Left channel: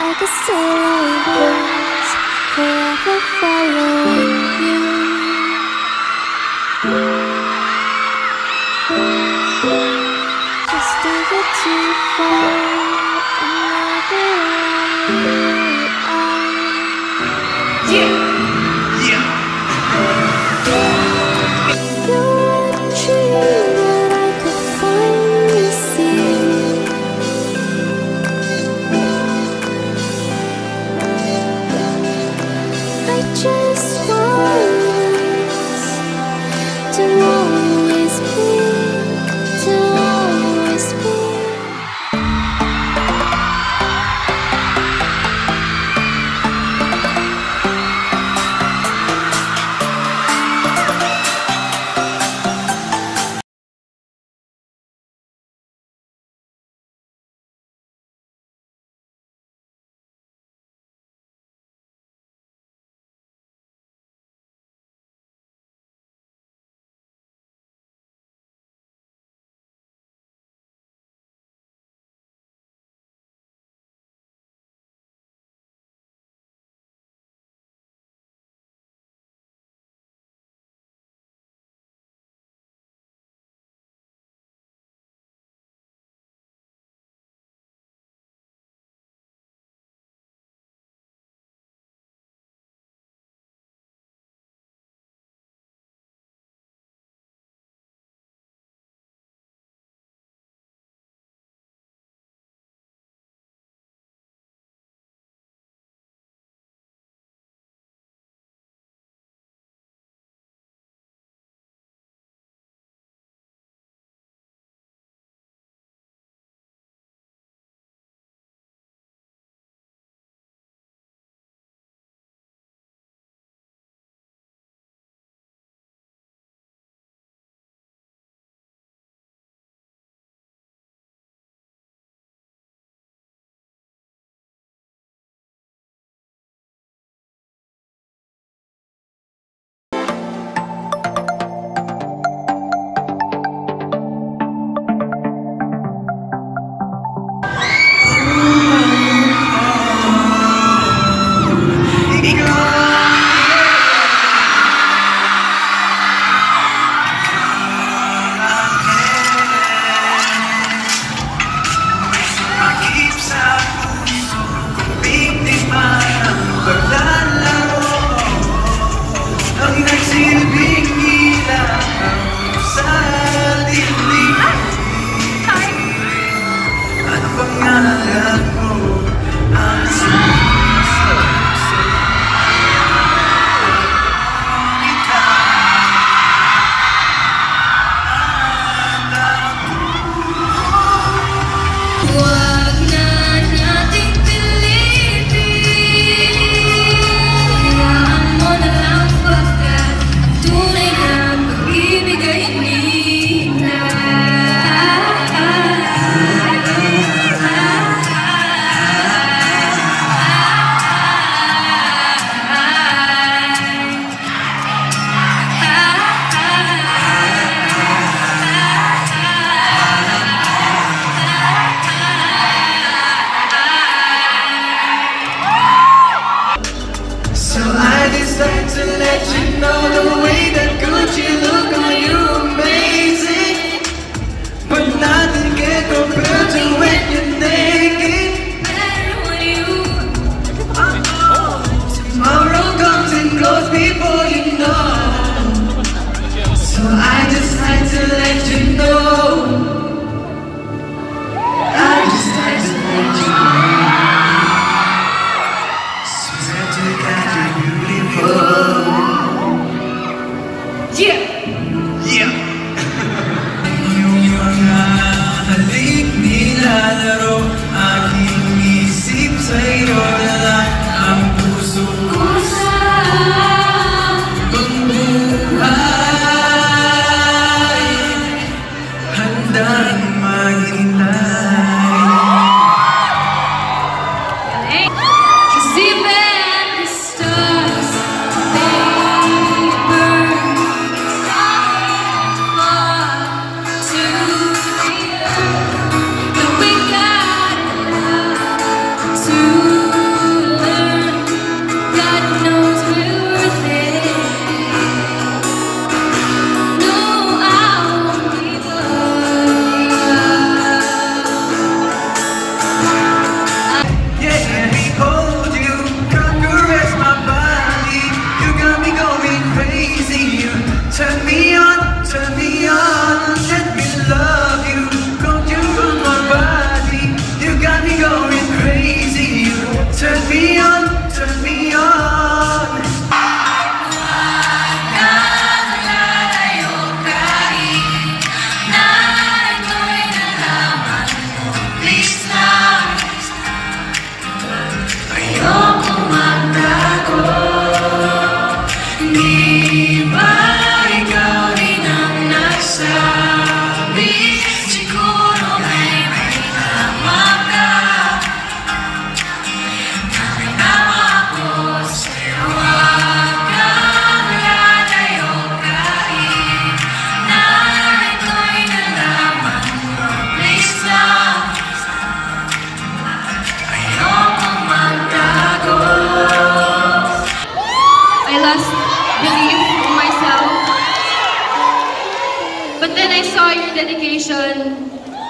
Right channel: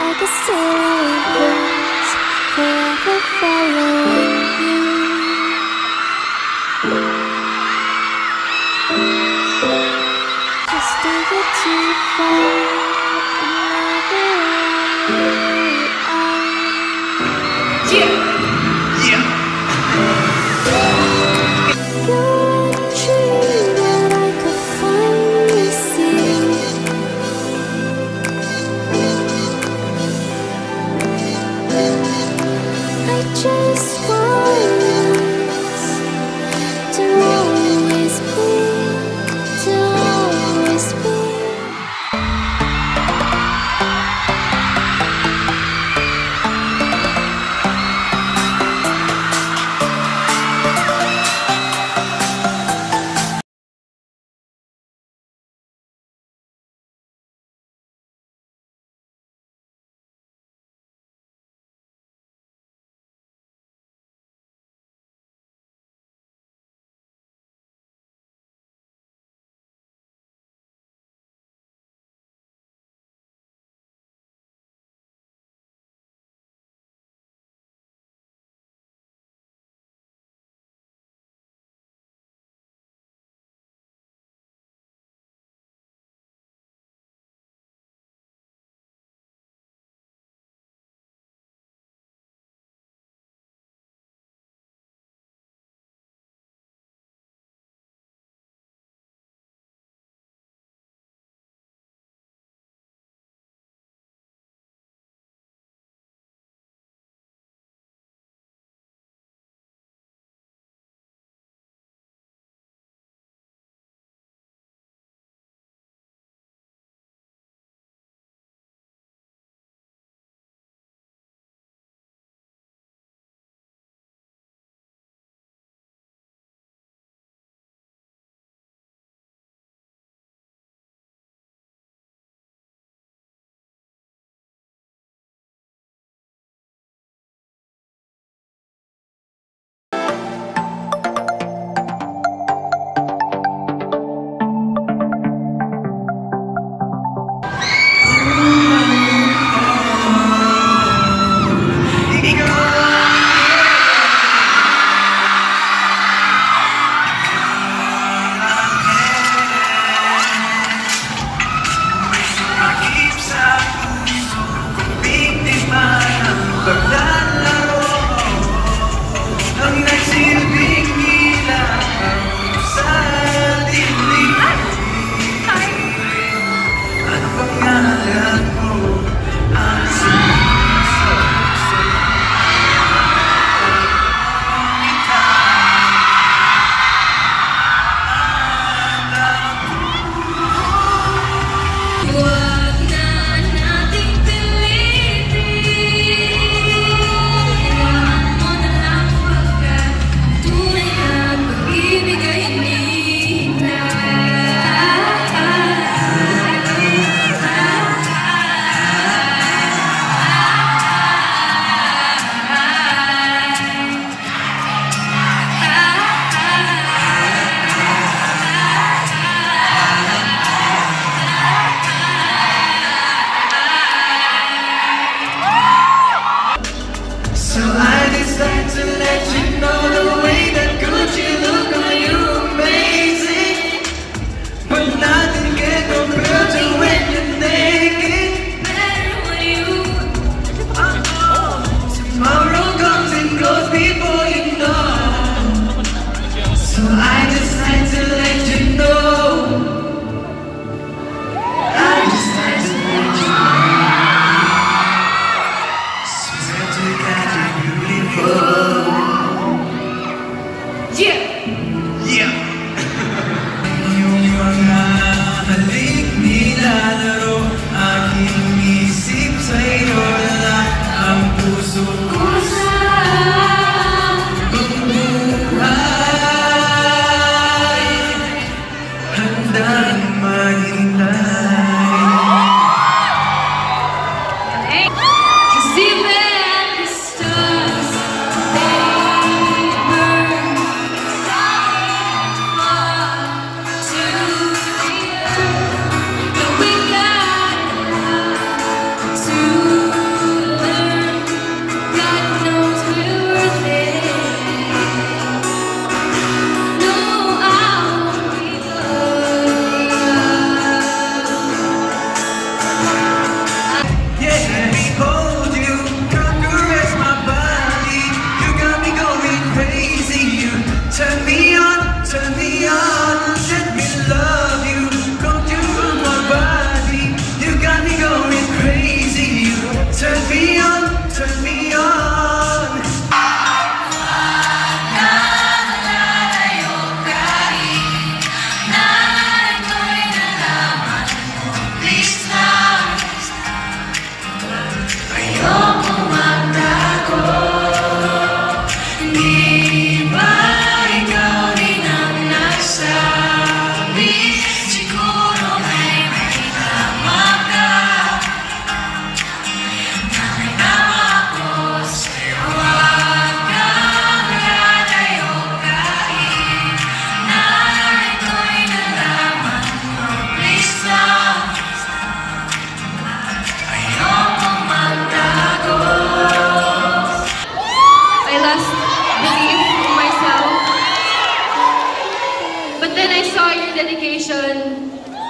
I could stay like this, forever following you. Just don't get too far, and I'll be right on. You're a dream that I could finally see. I just want us to always be, to always be. Ang pangalan mo Turn me on, turn me on.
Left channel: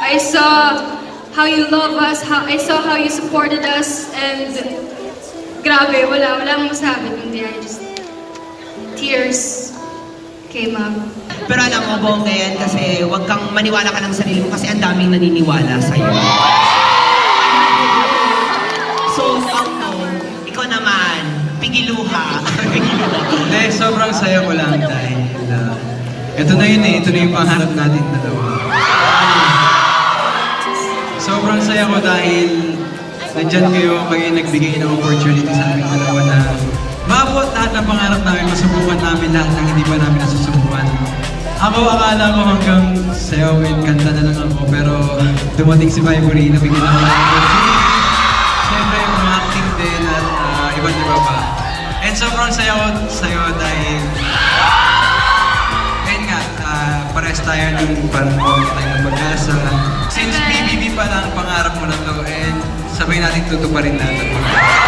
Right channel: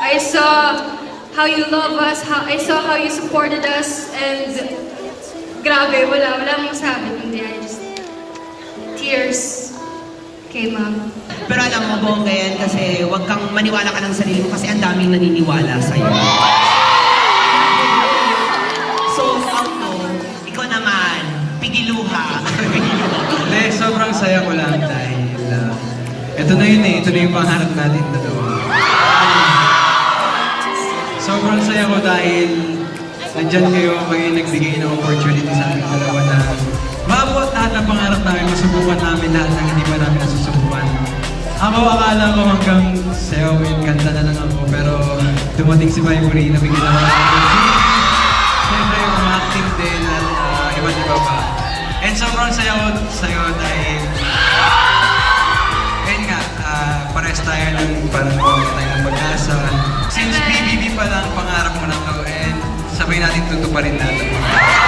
I saw how you love us, I saw how you supported us, and grabe, wala akong sabi kundi I just, tears came out. Pero alam mo, bongga yan kasi huwag kang maniwala ka ng sarili mo kasi ang daming naniniwala sa'yo. So, ikaw naman, pigiluha. Hindi, sobrang saya ko lang dahil ito na yun eh, ito na yung pangarap natin. Sobrang saya ko dahil nandyan kayo nagbigay ng opportunity sa amin dalawa na maabot lahat ng pangarap namin, masubukan namin lahat ng hindi pa namin nasusubukan. Ako akala ko hanggang sayo and kanta na lang ako pero dumating si Vibery na bigyan namin ng opportunity. Siyempre, acting din at iba't iba pa. And sobrang saya ko sa'yo dahil pares tayo ng parang mag-asa. Since BBB pa lang ang pangarap mo na to and sabay natin tutuparin natin.